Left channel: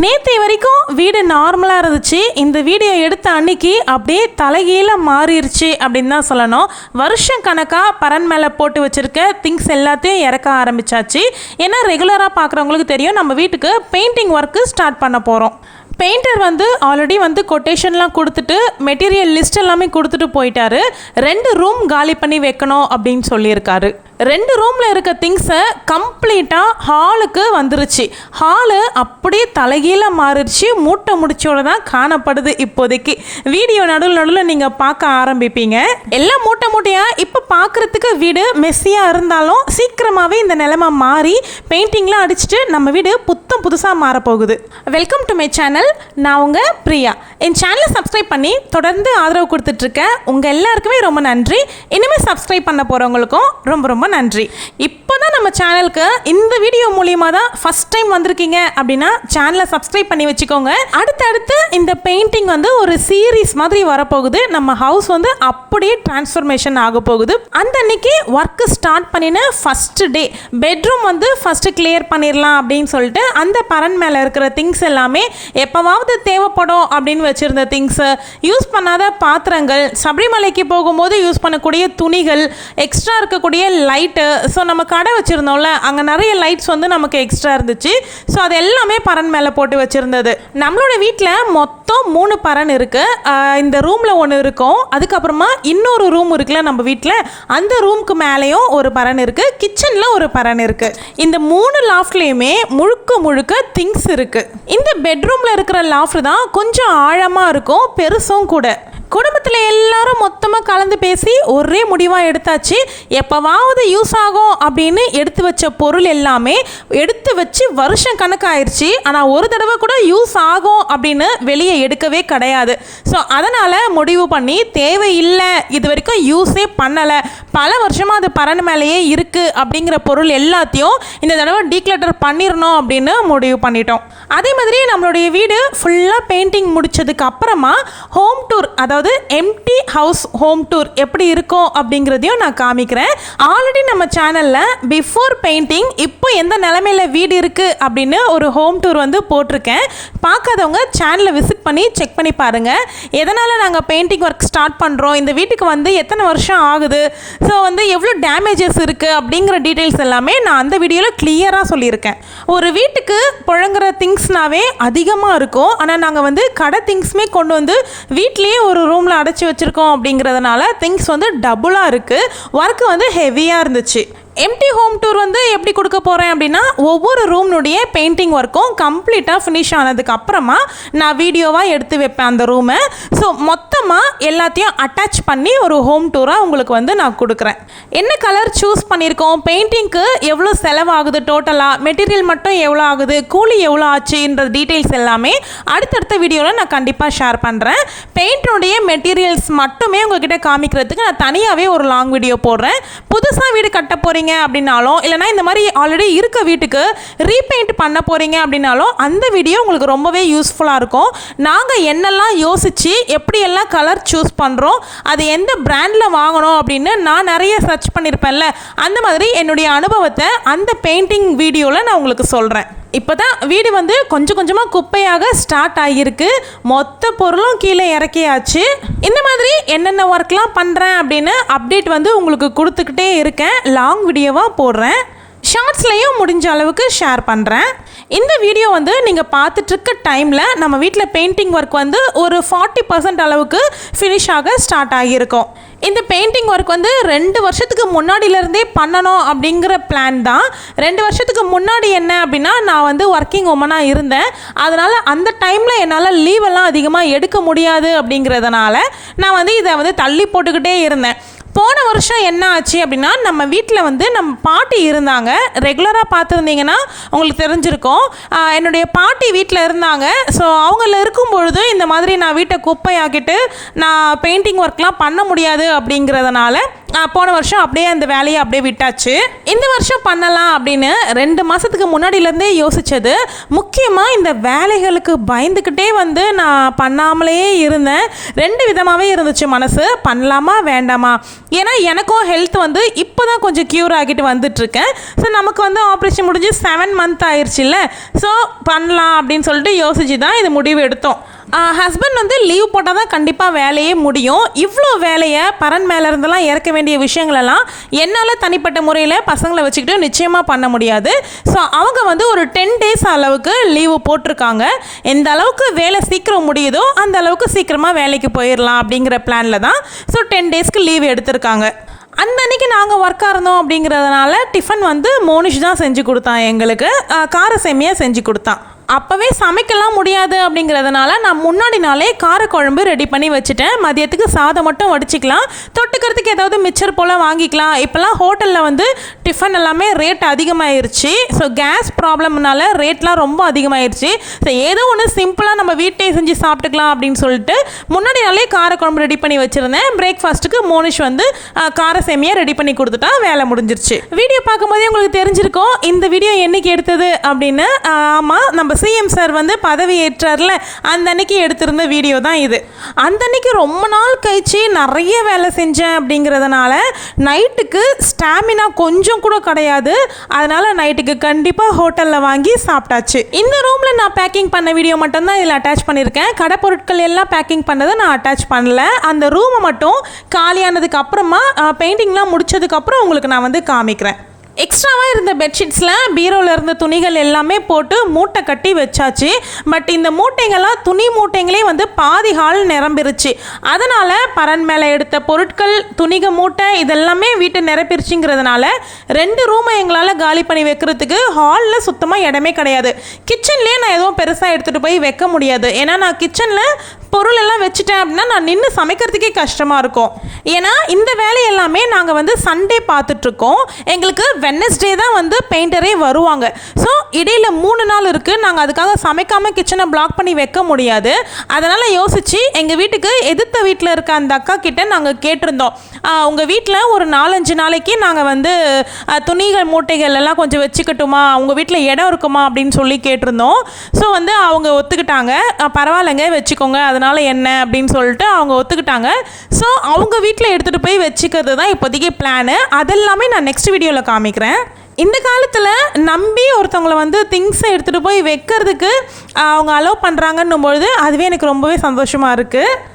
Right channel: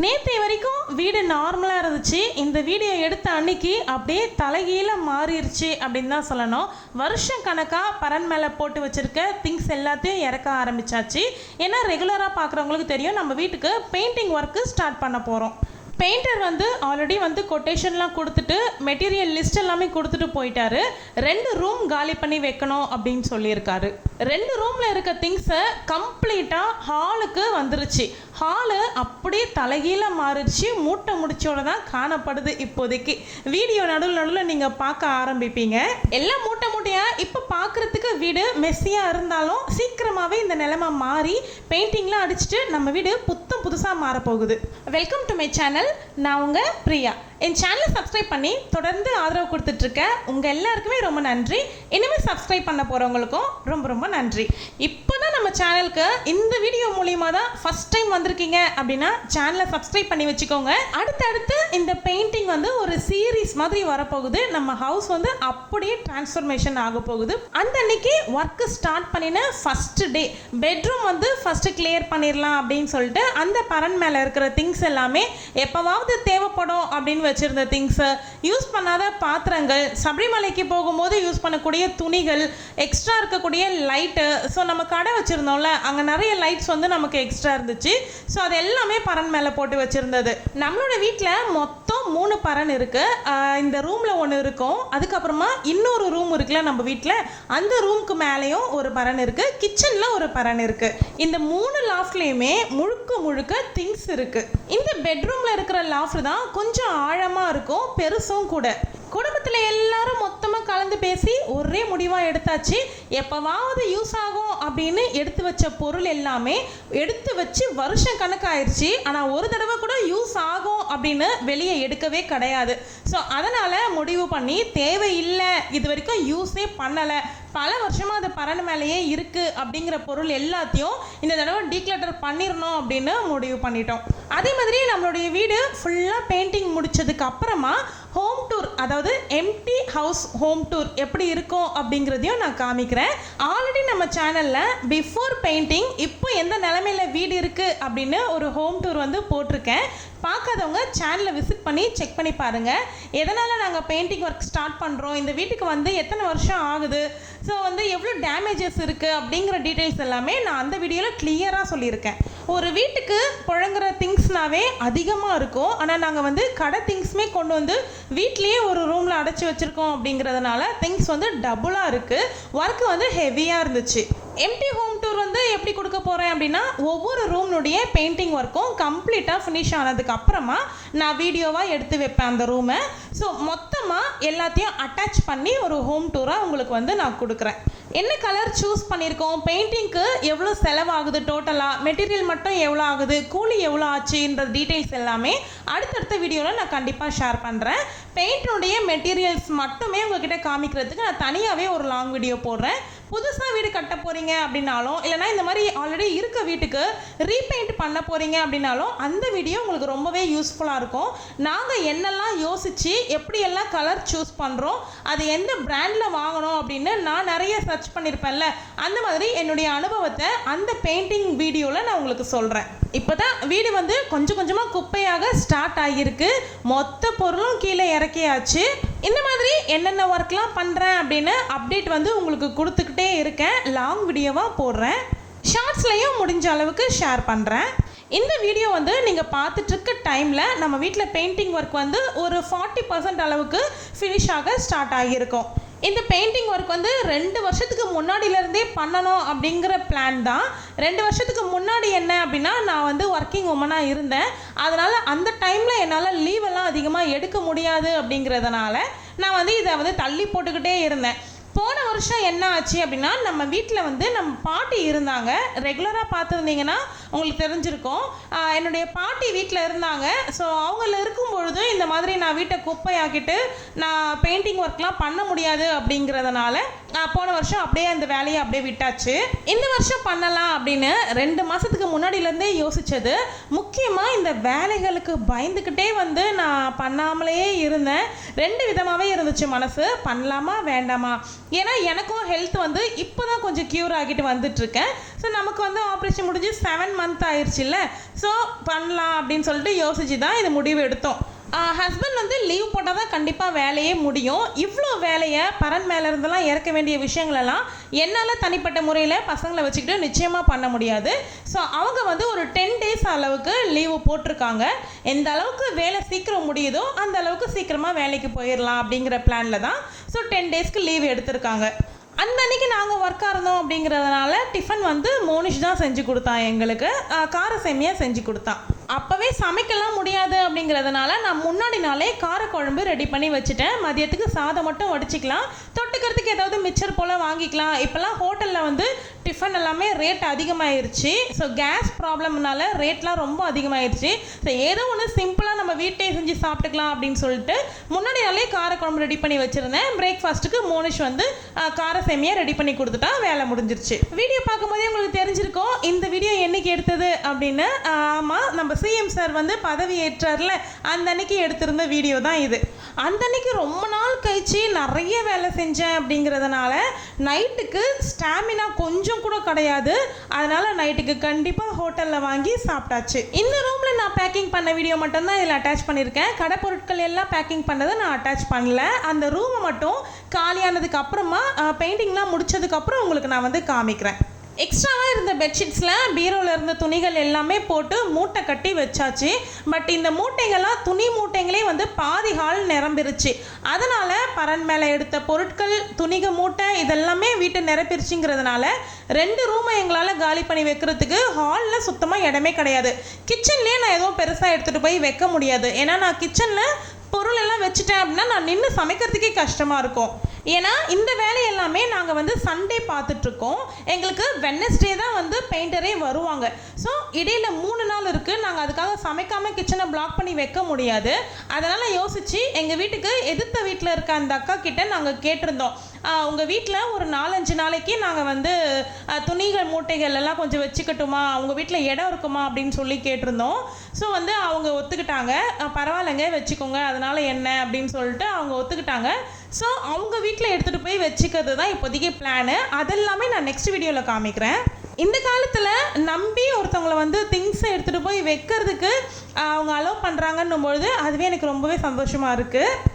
நேற்று வரைக்கும் வீடு நார்மலாக இருந்துச்சு. இந்த வீடியோ எடுத்த அன்னைக்கு அப்படியே தலைகீழ மாறிடுச்சு அப்படின்னு தான் சொல்லணும். வருஷம் கணக்காக பரன் மேலே போட்டு வச்சுருக்க திங்ஸ் எல்லாத்தையும் இறக்க ஆரம்பித்தாச்சு. ஏன்னா ரெகுலராக பார்க்குறவங்களுக்கு தெரியும், நம்ம வீட்டுக்கு பெயிண்டிங் ஒர்க்கு ஸ்டார்ட் பண்ண போகிறோம். பெயிண்டர் ஆல்ரெடி கொட்டேஷன்லாம் கொடுத்துட்டு மெட்டீரியல் லிஸ்ட் எல்லாமே கொடுத்துட்டு போயிட்டாரு. 2 ரூம் காலி பண்ணி வைக்கணும் அப்படின்னு சொல்லியிருக்காரு. 2 ரூமில் இருக்க திங்ஸை கம்ப்ளீட்டாக ஹாலுக்கு வந்துருச்சு. ஹாலு அப்படியே தலைகீழ மாறிடுச்சு. மூட்டை முடிச்சோட தான் காணப்படுது. இப்போதைக்கு வீடியோ நடுவில் நீங்கள் பார்க்க ஆரம்பிப்பீங்க. எல்லாம் மூட்டையாக இப்போ பார்க்குறதுக்கு வீடு மெஸ்ஸியாக இருந்தாலும் சீக்கிரமாகவே இந்த நிலைமை மாறி பெயிண்டிங்லாம் அடிச்சுட்டு நம்ம வீடு புதுசாக மாறப்போகுது. Welcome to my channel. நான் உங்கள் பிரியா. என் சேனலை சப்ஸ்கிரைப் பண்ணி தொடர்ந்து ஆதரவு கொடுத்துட்ருக்கேன். உங்கள் எல்லாருக்குமே ரொம்ப நன்றி. இனிமேல் சப்ஸ்கிரைப் பண்ண போகிறவங்களுக்கும் ரொம்ப நன்றி. இப்போ தான் நம்ம சேனலுக்கு இந்த வீடியோ மூலியமாக தான் ஃபஸ்ட் டைம் வந்திருக்கீங்க அப்படின்னா சேனலை சப்ஸ்கிரைப் பண்ணி வச்சுக்கோங்க. அடுத்தடுத்து இந்த பெயிண்டிங் ஒரு சீரீஸ் மாதிரி வரப்போகுது. நம்ம ஹவுஸ் அப்படியே டிரான்ஸ்ஃபர்மேஷன் ஆக போகுது. அந்த அன்னைக்கு ஒர்க்கு ஸ்டார்ட் பண்ணின first day bedroom first clear பண்ணிடலாம் அப்படின்னு சொல்லிட்டு அந்த பரன் மேலே இருக்கிற திங்ஸ் எல்லாமே எப்போவாவது தேவைப்படும் அப்படின்னு வச்சுருந்த திங்ஸு, யூஸ் பண்ணாத பாத்திரங்கள், சபரிமலைக்கு போகும்போது யூஸ் பண்ணக்கூடிய துணிகள், எக்ஸ்ட்ரா இருக்கக்கூடிய லைட்டு. ஸோ நம்ம கடை வச்சுருந்தோம்ல, அங்கே நிறைய லைட்ஸ் நமக்கு எக்ஸ்ட்ரா இருந்துச்சு. ஸோ அது எல்லாமே பரன் மேலே போட்டு வச்சுருந்தது. நம்மளோட வீட்டில் மொத்தம் 3 பரன் இருக்குது. இந்த ரூமில் ஒன்று இருக்கும், அதுக்கப்புறமா இன்னொரு ரூம் இருக்குல்ல நம்ம வீட்டில், அந்த ரூமுக்கு மேலேயும் ஒரு பரன் இருக்குது, கிச்சனில் ஒரு பரன் இருக்குது. இந்த 3 லாஃப்ட்லேயுமே முழுக்க திங்ஸ் இருக்குது. இந்த பெட்ரூமில் இருக்கிற லாஃப்ட் தான் கொஞ்சம் ஆழமாக இருக்கும், பெருசும் கூட. குடும்பத்தில் எல்லாரும் மொத்தமாக கலந்து பேசி ஒரே முடிவாக எடுத்தாச்சு. எப்போவாவது யூஸ் ஆகும் அப்படின்னு எடுத்து வச்ச பொருள் எல்லாமே எடுத்து வச்சு வருஷம் கணக்காயிருச்சு. ஆனால் ஒரு தடவை கூட யூஸ் ஆகும் அப்படின்னு வெளியே எடுக்கவே கிடையாது. ஸோ அதனால் முடிவு பண்ணி தேவையில்லை, இது வரைக்கும் யூஸே பண்ணலை, பல வருஷமாக அது பரன் மேலேயே இருக்குது அப்படிங்கிற பொருள் எல்லாத்தையும் இந்த தடவை டீக்ளட்டர் பண்ணிடணும் அப்படின்னு முடிவு பண்ணிட்டோம். அதே மாதிரி நம்மளுடைய வீடு ஃபுல்லாக பெயிண்டிங் முடித்ததுக்கு அப்புறமா ஹோம் டூர், அதாவது எம்டி ஹவுஸ் ஹோம் டூர் எப்படி இருக்கும் அப்படிங்கிறதையும் நான் காமிக்கிறேன். ஆல்ரெடி நம்ம சேனலில் பிஃபோர் பெயிண்டிங் இப்போ எந்த நிலைமையில் வீடு இருக்குது அப்படின்னு ஒரு ஹோம் டூர் போட்டிருக்கேன். பார்க்காதவங்க சேனலை விசிட் பண்ணி செக் பண்ணி பாருங்கள். எதனால் நாங்கள் பெயிண்டிங் ஒர்க் ஸ்டார்ட் பண்ணுறோம், இந்த வீட்டுக்கு எத்தனை வருஷம் ஆகுது, ஸோ எவ்வளோ டேமேஜஸ் இருக்குது அப்படிங்கிற டீட்டெயில்ஸ் எல்லாமே நான் அந்த வீடியோவில் கிளியராக சொல்லியிருக்கேன். ஒரு வீட்டுக்கு புழங்குற திங்ஸ்னாவே அதிகமாக இருக்கும். ஆனால் நாங்கள் கடை திங்ஸுமே கொண்டு வீட்லேயே ஒரு ரூமில் அடைச்சி வச்சுருக்கோம். அப்படிங்கிறதுனால திங்ஸ் டபுளாக இருக்குது. ஒர்க்கு ஹெவியாக இருந்துச்சு. எம்டி ஹோம் டூர் எப்படி கொடுக்க போகிறேன் அப்படின்னா, ஒவ்வொரு ரூம்னுடைய பெயிண்டிங் ஒர்க்கும் கம்ப்ளீட்டாக ஃபினிஷ் ஆனதுக்கு அப்புறமா நான் வீடியோவாக எடுத்து வைப்பேன் அந்த ரூமை. ஸோ மொத்தமாக எல்லாத்தையும் அட்டாச் பண்ணி ஒரு ஹோம் டூராக உங்களுக்கு நான் கொடுக்குறேன். என்ன கலர் சூஸ் பண்ணியிருக்கோம், பெயிண்டிங்க்கு எவ்வளோ செலவாகுது, டோட்டலாக மெட்டீரியல் மட்டும் எவ்வளோ ஆகுது, கூலி எவ்வளோ ஆச்சுன்ற டீட்டெயில்ஸ் எல்லாமே அடுத்தடுத்த வீடியோவில் நான் கண்டிப்பாக ஷேர் பண்ணுறேன். பெயிண்டினுடைய மெட்டீரியல்ஸ் மட்டுமே உங்ககிட்ட காமிக்கிறதுக்கு நான் தனியாகவே ஒரு லாங் வீடியோ போடுறேன். புதுசாக வீடு கட்ட போகிறீங்க அப்படின்னாலும், இல்லைனா இந்த மாதிரி ஆல்ரெடி இருக்க வீட்டுக்கு ரீபெயிண்ட் பண்ண போகிறீங்க அப்படின்னாலும் அந்த வீடியோ உங்களுக்கு ரொம்பவே யூஸ்ஃபுல்லாக இருக்கும். நாங்கள் என்னெல்லாம் யோசித்து எப்படியெல்லாம் கலர் சூஸ் பண்ணுறோம், அது எந்த பிராண்டில் வாங்கணும் அப்படின்னு நான் நிறைய சர்ச் பண்ணியிருப்பேன்ல, அந்த மாதிரி என்னுடைய அனுபவத்தை அந்த பெயிண்டிங் வீடியோவில் நான் உங்களுக்கு சொல்கிறேன். இப்போ தான் வீடு கொஞ்சம் கொஞ்சமாக குப்பையாக ஸ்டார்ட் ஆகியிருக்கு. மொத்த பொருளும் கீழே இறக்கியாச்சு. இந்த மாதிரி என்னென்ன ஒர்க்லாம் பண்ணுறேன் அப்படின்னு அப்டேட் உங்களுக்கு கொடுத்துக்கிட்டே இருக்கேன். லாங் வீடியோவாக போடுறேன், ஷார்ட்ஸ்லேயும் முடிஞ்ச அளவுக்கு ஷேர் பண்ணுறேன். இந்த வீடியோ நீங்கள் பார்த்துட்ருக்க டைமில் நம்ம வீட்டில் பெயிண்டிங் ஒர்க் ஒரு 40% அளவுக்கு ஃபினிஷ் ஆக ஸ்டார்ட் ஆகியிருக்கும். இந்த பெயிண்டிங் ஒர்க் 2 வருஷத்துக்கு முன்னாடியிலேருந்தே பண்ணணும் அப்படிங்கிற பிளான் தான். 2 வருஷத்துக்கு முன்னாடி என்ன அப்படின்னா, நான் ஒர்க்கிங் உமனாக இருந்தேன். அதனால் அந்த டைமில் என்னால் லீவெல்லாம் அதிகமாக எடுக்க முடியாது. அப்படிங்கிறதுனால நான் இதை தள்ளி போட்டுக்கிட்டே இருந்தேன். போன வருஷம் என்ன ஆச்சு அப்படின்னா, நம்ம வீட்டில் நம்ம பாட்டி இருந்தாங்க. ரெகுலராக பார்த்துருந்தீங்கன்னா உங்களுக்கு தெரிஞ்சிருக்கும். என்னுடைய பாட்டி வீட்டில் இருந்தாங்க. ஸோ அவங்கள இருக்கும் பொழுது இந்த மாதிரி நான் வீட்டை குப்பையாக்கிட்டு நான் பெயிண்டிங் ஒர்க்லாம் பண்ண முடியாது. அப்படிங்கிறதுனால போன வருஷம் அப்படியே அந்த வேலையை அப்படியே விட்டாச்சு. இந்த வருஷம் பண்ணலாம் அப்படின்னு 2 மாதத்துக்கு முன்னாடியிலேருந்தே யோசித்தது. முக்கியமாக இந்த வேலைகளுக்கு பயந்துக்கிட்டே வந்து நான் பண்ணாமலே இருந்தேன். 2 விதமாகவே இருந்துச்சு மனசு, பண்ணலாமா வேண்டாமா. ஏன்னா எனக்கும் ஹெல்த் வந்து இப்போ தான் கொஞ்சம் க்யூர் ஆகிட்டு வந்துட்டுருக்கேன். ஸோ நமக்கு வந்து ஆப்ரேஷன் முடிஞ்சு 7 மந்த் ஆயிடுச்சுல்ல. ஸோ பண்ணலாம் அப்படின்னு சொல்லிட்டு யோசிச்சு தான் இது முடிவு எடுத்தோம். ஹஸ்பண்ட் வந்து லீவ் போட்டால் தான் கண்டிப்பாக வேலையே முடியும். இவ்வளோ வேலையை பரன் மேலே இருந்தெல்லாம் இறக்க வேண்டிய விஷயங்களெல்லாம் என்னால் தனிப்பட்ட முறையில் பசங்களை வச்சுக்கிட்டு நிச்சயமாக பண்ண முடியாது. ஸோ அவங்க வந்து ஒரு 10 days அளவுக்கு லீவு போட்டிருக்காங்க. எந்த அளவுக்கு வேலை சீக்கிரம் முடியுதோ அந்த அளவுக்கு சீக்கிரமாக வேலைக்கு போயிடலாம் அப்படிங்கிற பிளானில் தான் ஸோ 10 daysக்கு லீவ் எடுத்திருக்காங்க. அந்த அன்றைக்கி நாங்கள் ஒர்க்காக இருந்தோம் அப்படிங்கிறதுனால டிஃபன் வந்து மோனிஷ் தான் செஞ்சு கொடுத்தான். எங்களுக்கு கார சேமியா செஞ்சு கொடுத்தான். அப்போவே சமைக்கலாம் முடியாது அப்படிங்கிறதுனால நான் முன்னாடி நாளே காரக்குழம்பு ரெடி பண்ணி வச்சுட்டேன். மதியத்துக்கு சாதம் மட்டும் வடிச்சிக்கலாம், தொட்டுக்கிறதுக்கு ஏதாவது மிச்சர் போல் வாங்கிக்கலாம். இப்போல்லாம் ஹோட்டலில் வந்து டிஃபன் எல்லாமே ரேட் அதிகமாகிருச்சு. ஸோ கேஸ் ப்ராப்ளம்னால ரேட்லாம் ரொம்ப அதிகமாகிருச்சு. ஸோ ஏதோ ஒன்று சிம்பிளாக நம்ம வீட்டே செஞ்சு சாப்பிட்டுக்கலாம் அப்படின்னு சொல்லிட்டு முன்னாடி நாளே காரக்குழம்பு ரெடி பண்ணி வச்சுருந்தேன். பிரேக்ஃபாஸ்ட்டுக்கு மோனிஷ் வந்து கார சேமியா ரெடி பண்ணி கொடுத்துட்டா வேலை முடிஞ்சிருச்சு. வீடியோ பார்க்கும்போதே உங்களுக்கு தெரிஞ்சிருக்கும் இந்த வீடியோ என்னைக்கு எடுத்தது அப்படின்னு. ஆமாம், நம்ம சிஎம் சார் வந்து பதவி ஏற்றார்ல அந்த அன்னைக்கு எடுத்திருந்த வீடியோ தான் இது. அந்த அன்னைக்கு ரொம்ப நாள் கழிச்சு நிறைய வேலை செஞ்சேன் அப்படிங்கிறதுனால நைட்டுக்கு ஸ்டாமினா கொஞ்சம் கூட கிடையாது. அதனால் நைட்டுக்கு கண்டிப்பாக ஹோட்டலில் வாங்கி சாப்பிட்டாச்சு. இந்த ரூமில் நான் பேக்கிங் பண்ண வீடியோ மட்டும்தான் இதில் அட்டாச் பண்ணியிருக்கேன். கடை பொருட்கள் எல்லாம் பேக்கிங் பண்ணதை நான் அட்டாச் பண்ணல. அந்த ரூமை மட்டும் காலியானதுக்கு அப்புறமா பெயிண்டிங்லாம் முடிச்சதுக்கப்புறம் உங்களுக்கு நான் வந்து காமிக்கிறேன். எக்ஸ்ட்ராவாக இருந்த பெட்ஷீட்ஸில் பீரோவில் இருந்த துணிகள் எல்லாமே போட்டு மூட்டை கட்டி வச்சாச்சு. பட் இந்த மூட்டைகள்லாம் துணி மூட்டைங்களே வந்து பாதி ஹால் நிரம்பிருச்சு. அதனால் பரன் மேலே எடுத்த பொருட்கள், துணிக மூட்டை இதெல்லாமே வீட்டை நிரப்பிருச்சுங்கிறதுனால 2 ரூமை எங்களால் காலி பண்ணி வைக்கிறதுக்கு ஹாலில் சுத்தமாக இடமே கிடையாது. கிச்சன்லேயே நான் எதுவும் பெருசாக எடுத்துகிட்டு போய் வைக்க முடியாது. ஏன்னா நான் கிச்சனில் பொருள் எல்லாம் வச்சுட்டேன் அப்படின்னா நான் நின்று சமைக்கிறதுக்கே கஷ்டமாக இருக்கும். ஏன்னா இந்த வேலை எல்லாமே நாங்கள் வந்து சண்டே பார்த்துட்ருக்கோம். எங்களுக்கு வெட்னஸ்டே தான் வந்து பெயிண்டரே வருவாங்க. ஸோ இடையில் 3 நாள் இருக்குது. நாங்கள் அதுக்காக சமைக்காமல் கிச்சனை பிளாக் பண்ணி வைக்க முடியாது. அதனால் யோசித்து எங்கள் வீட்டுக்கு எதிர்த்த வீட்டில் இருக்க அந்த அக்கா கிட்டே நாங்கள் கேட்டிருந்தோம், உங்கள் வீட்டில் ஒரு 4-5 நாளைக்கு நாங்கள் வந்து துணிகள் மூட்டைகள் எல்லாம் கொஞ்சம் வச்சுக்கட்டுமா, உங்கள் வீட்டில் இடம் இருக்குமா அப்படின்னு சொல்லி கேட்டிருந்தோம். ஸோ வந்து அவங்க ஒத்துக்கிட்டாங்க. பரவாயில்லைங்க வச்சுக்கோங்க, அதனால் என்ன அப்படின்னு சொல்லிட்டு அவங்க ஒத்துக்கிட்டாங்க. ஸோ அவங்க வீட்டில் எடுத்துகிட்டு போய் வச்சுக்கிறது தான் இப்போதைக்கு பிளானு. அதெல்லாமே நான் நெக்ஸ்ட் வீடியோவில் காமிக்கிறேன். இந்த காலத்தில் நம்பி ஒருத்தவங்களை வந்து திங்ஸை எடுத்துகிட்டு போய் வைக்கிறதுக்கு அவங்க அலோவ் பண்ணுறாங்கன்னும் பொழுது அதுவே எனக்கு ரொம்பவே சந்தோஷமாக இருக்குது.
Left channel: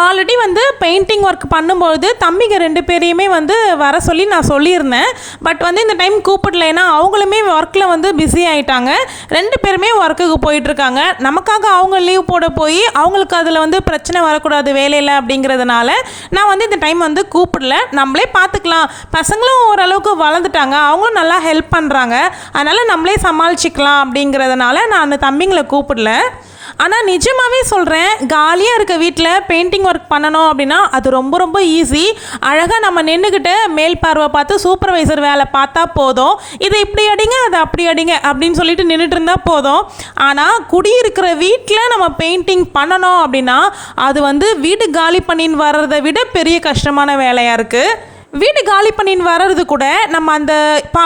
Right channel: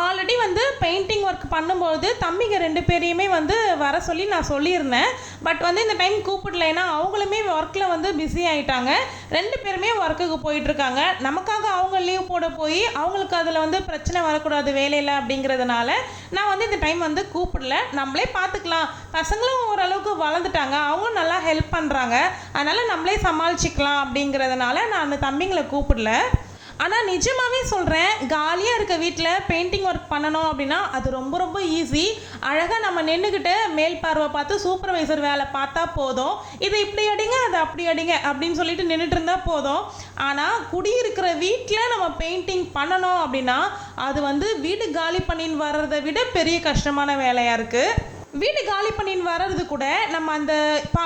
ஆல்ரெடி வந்து பெயிண்டிங் ஒர்க் பண்ணும்போது தம்பிங்க 2 பேரையுமே வந்து வர சொல்லி நான் சொல்லியிருந்தேன். பட் வந்து இந்த டைம் கூப்பிடல. ஏன்னா அவங்களுமே ஒர்க்கில் வந்து பிஸி ஆகிட்டாங்க. 2 பேருமே ஒர்க்குக்கு போயிட்டுருக்காங்க. நமக்காக அவங்க லீவ் போட போய் அவங்களுக்கு அதில் வந்து பிரச்சனை வரக்கூடாது வேலையில் அப்படிங்கிறதுனால நான் வந்து இந்த டைம் வந்து கூப்பிடல. நம்மளே பார்த்துக்கலாம். பசங்களும் ஓரளவுக்கு வளர்ந்துட்டாங்க, அவங்களும் நல்லா ஹெல்ப் பண்ணுறாங்க. அதனால் நம்மளே சமாளிச்சிக்கலாம் அப்படிங்கிறதுனால நான் அந்த தம்பிங்களை கூப்பிடல. ஆனால் நிஜமாகவே சொல்கிறேன், காலியாக இருக்க வீட்டில் பெயிண்டிங் ஒர்க் பண்ணணும் அப்படின்னா அது ரொம்ப ரொம்ப ஈஸி. அழகாக நம்ம நின்றுக்கிட்டு மேல் பார்வை பார்த்து சூப்பர்வைசர் வேலை பார்த்தா போதும். இதை இப்படி அடிங்க, அதை அப்படி அடிங்க அப்படின்னு சொல்லிட்டு நின்றுட்டு இருந்தால் போதும். ஆனால் குடியிருக்கிற வீட்டில் நம்ம பெயிண்டிங் பண்ணணும் அப்படின்னா அது வந்து வீடு காலி பண்ணின்னு வர்றதை விட பெரிய கஷ்டமான வேலையாக இருக்குது. வீடு காலி பண்ணின்னு வர்றது கூட நம்ம அந்த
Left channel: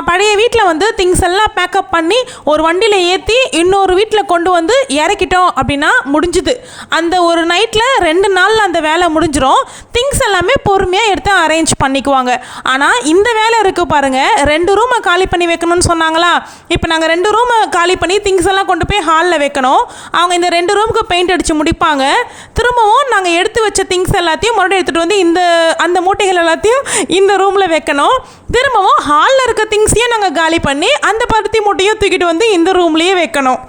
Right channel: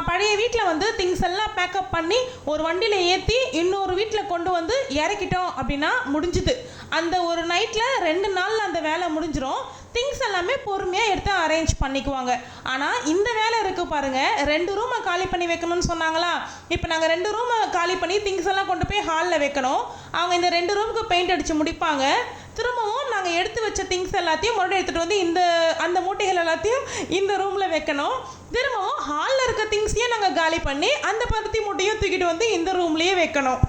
பழைய வீட்டில் வந்து திங்ஸ் எல்லாம் பேக்கப் பண்ணி ஒரு வண்டியில் ஏற்றி இன்னொரு வீட்டில் கொண்டு வந்து இறக்கிட்டோம் அப்படின்னா முடிஞ்சுது. அந்த ஒரு நைட்டில் 2 நாளில் அந்த வேலை முடிஞ்சிடும். திங்ஸ் எல்லாமே பொறுமையாக எடுத்து அரேஞ்ச் பண்ணிக்குவாங்க. ஆனால் இந்த வேலை இருக்குது பாருங்கள், 2 ரூமை காலி பண்ணி வைக்கணும்னு சொன்னாங்களா, இப்போ நாங்கள் 2 ரூமை காலி பண்ணி திங்ஸ் எல்லாம் கொண்டு போய் ஹாலில் வைக்கணும். அவங்க இந்த 2 ரூமுக்கு பெயிண்ட் அடித்து முடிப்பாங்க. திரும்பவும் நாங்கள் எடுத்து வச்ச திங்ஸ் எல்லாத்தையும் மறுபடியும் எடுத்துகிட்டு வந்து அந்த மூட்டைகள் எல்லாத்தையும் இந்த ரூமில் வைக்கணும். திரும்பவும் ஹாலில் இருக்க திங்ஸையும் நாங்கள் காலி பண்ணி அந்த பருத்தி மூட்டையும் தூக்கிட்டு வந்து இந்த ரூம்லேயே வைக்கணும்.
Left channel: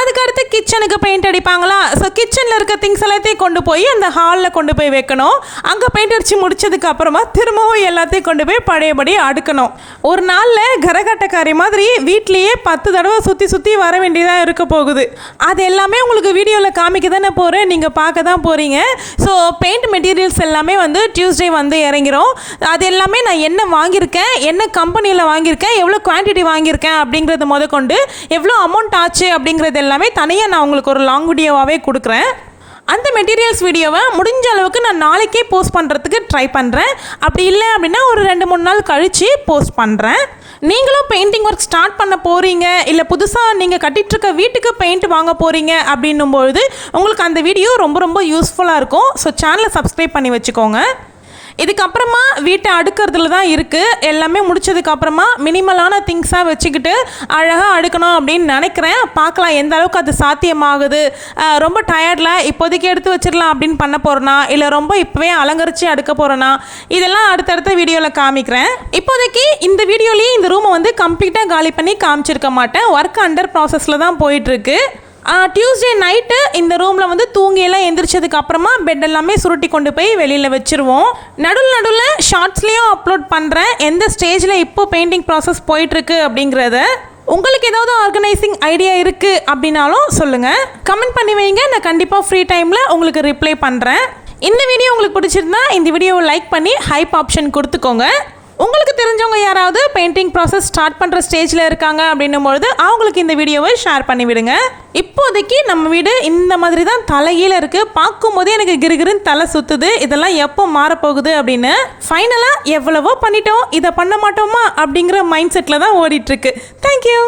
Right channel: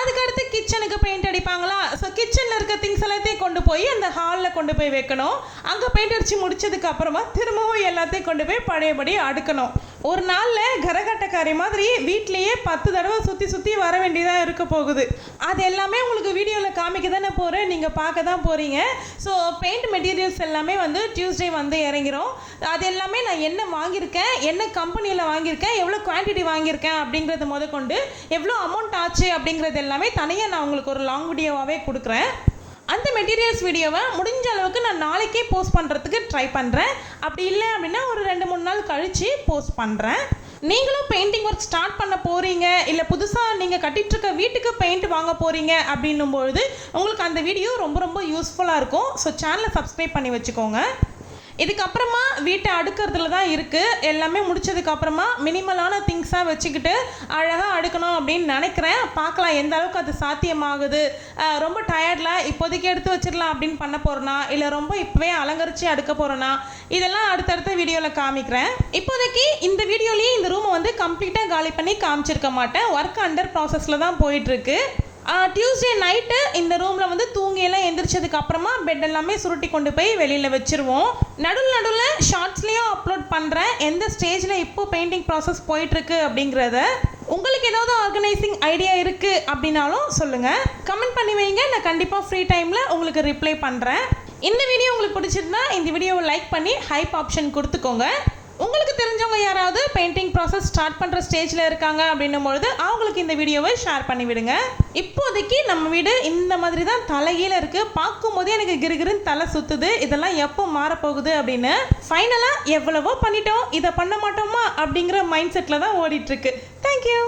அதுக்கடுத்து கிச்சனுக்கு பெயிண்ட் அடிப்பாங்களா, ஸோ கிச்சனில் இருக்க திங்ஸ் எல்லாத்தையும் கொண்டு போய் அந்த ஹாலில் கொண்டு போய் வைக்கணும். அங்கே பெயிண்ட் அடித்து முடிச்சதுக்கு அப்புறமா திரும்பவும் எல்லாத்தையும் கொண்டு போய் பழையபடி அடுக்கணும். ஒரு நாளில் கரகாட்டக்காரி மாதிரி வீட்லேயே 10 தடவை சுற்றி சுற்றி வர வேண்டியதாக இருக்க போகுது. அது எல்லாமே உங்களுக்கு வீடியோவில் காமிக்க தானே போகிறேன், நீங்கள் பார்க்க தான் போகிறீங்க. ஸோ பெயிண்ட் மெட்டீரியல்ஸ் எல்லாமே வந்து டியூஸ்டே வந்து இறங்கிரும். அது எல்லாமே நான் என்ன வாங்கியிருக்கேன், என்ன கம்பெனியில் வாங்கியிருக்கேன், எவ்வளோ குவான்டிட்டி வாங்கியிருக்கேன் அப்படிங்கிறது முதற்கொண்டு எவ்வளோ அமௌண்ட் ஆச்சு அப்படிங்கிறது எல்லாமே தனியாக நான் உங்களுக்கு ஒரு லாங் வீடியோவாகவே கொடுக்குறேன். அந்த மெட்டீரியல்ஸ் வீடியோவை முடிஞ்ச அளவுக்கு நான் நாளைக்கே போஸ்ட் பண்ணுறதுக்கு ட்ரை பண்ணுறேன். அப்படி இல்லை அப்படின்னா ஒரு 2-3 நாள் கழித்து போஸ்ட் பண்ணுறேன். நீங்களும் பெயிண்டிங் ஒர்க் ஸ்டார்ட் பண்ண போகிறீங்க, இல்லை புதுசாக நீங்கள் கட்டிகிட்ருக்க வீட்டுக்கு பெயிண்ட் வாங்க போகிறீங்க அப்படின்னும்பொழுது உங்களுக்கு அந்த வீடியோ ரொம்ப ரொம்ப யூஸ்ஃபுல்லாக இருக்கும். ஸோ சேனலை சப்ஸ்கிரைப் பண்ணி வச்சுக்கோங்க. இதுக்கப்புறமா வீட்டை அடுக்கிறதுல தான் இருக்குது. எல்லாமே முடிச்சதுக்கப்புறமா மினிமலான திங்ஸாக வச்சுக்கிட்டு அழகாக அடுக்கணும் அப்படின்னு நினைக்கிறேன். பார்க்கலாம் எந்த அளவுக்கு அது சாத்தியமாகுது. ரொம்ப டயர்டில் இப்போதைக்கு எடுத்து வச்சிடலாம் அப்படின்னு பண்ண போகிறேன்னா, இல்லை ரொம்ப இப்போவே அலங்கரித்து அடுக்க போகிறேன்னா, இதெல்லாம் அடுத்தடுத்த வீடியோவில் காமிக்கிறேன். இப்போதைக்கு இந்த வீடியோலேயே இந்த ரூமை வந்து கம்ப்ளீட்டாக காலி பண்ணி காமிச்சிருக்க மாட்டேன். ஒர்க் அண்டர் ப்ராசஸில் தான் போயிட்டுருக்கு. டியூஸ்டே நைட்டு இந்த ரூமில் வந்து தூங்கியெல்லாம் எந்திரிச்சதுக்கு அப்புறமா பெட் எல்லாமே சுருட்டி கொண்டு போய் வெளியில் வச்சுருவோம். நடுவில் ஷார்ட்ஸ்லேயும் அப்லோட் பண்ணுறேன் எந்த ஸ்டேஜில் இப்போ பெயிண்டிங் ப்ராசஸ் போயிட்டுருக்கு அப்படிங்கிறத. உங்களுக்கு ஏதாவது ஆர்கனைசிங் ஐடியா இருக்குது அப்படின்னாலும் சொல்லுங்கள், கமெண்ட் பண்ணி வைங்க. நான் கண்டிப்பாக ஃப்ரீ டைமில் உங்களுக்கு ரிப்ளை பண்ணுறேன். இந்த வீடியோ உங்களுக்கு பிடிச்சிருந்தா இந்த வீடியோவை லைக் பண்ணி ஹைப் ஆப்ஷன் கொடுத்துக்கோங்க. உங்களுக்கு தெரிஞ்சவங்க யாராவது பெயிண்டிங் ப்ராசஸ் ஸ்டார்ட் பண்ணுற ஸ்டேஜில் இருக்காங்க அப்படின்னும்பொழுது அவங்களுக்கு இந்த வீடியோவை ஷேர் பண்ணி விடுங்க. இப்போதைக்கு நம்ம வீடு இந்த மாதிரி தான் தலைகீழ இருக்குது. பார்க்கும்போதே எனக்கு கிருகிருன்னு தலை சுற்றுது. இதெல்லாம் எப்போ மாறப்போகுது அப்படின்னு. ஃபைனலாக எவ்வளவோ பண்ணிட்டோம், இதை பண்ண மாட்டோமா அப்படிங்கிற மைண்ட் செட்டில் தான் ஓடிட்டுருக்கு. தேங்க்யூ.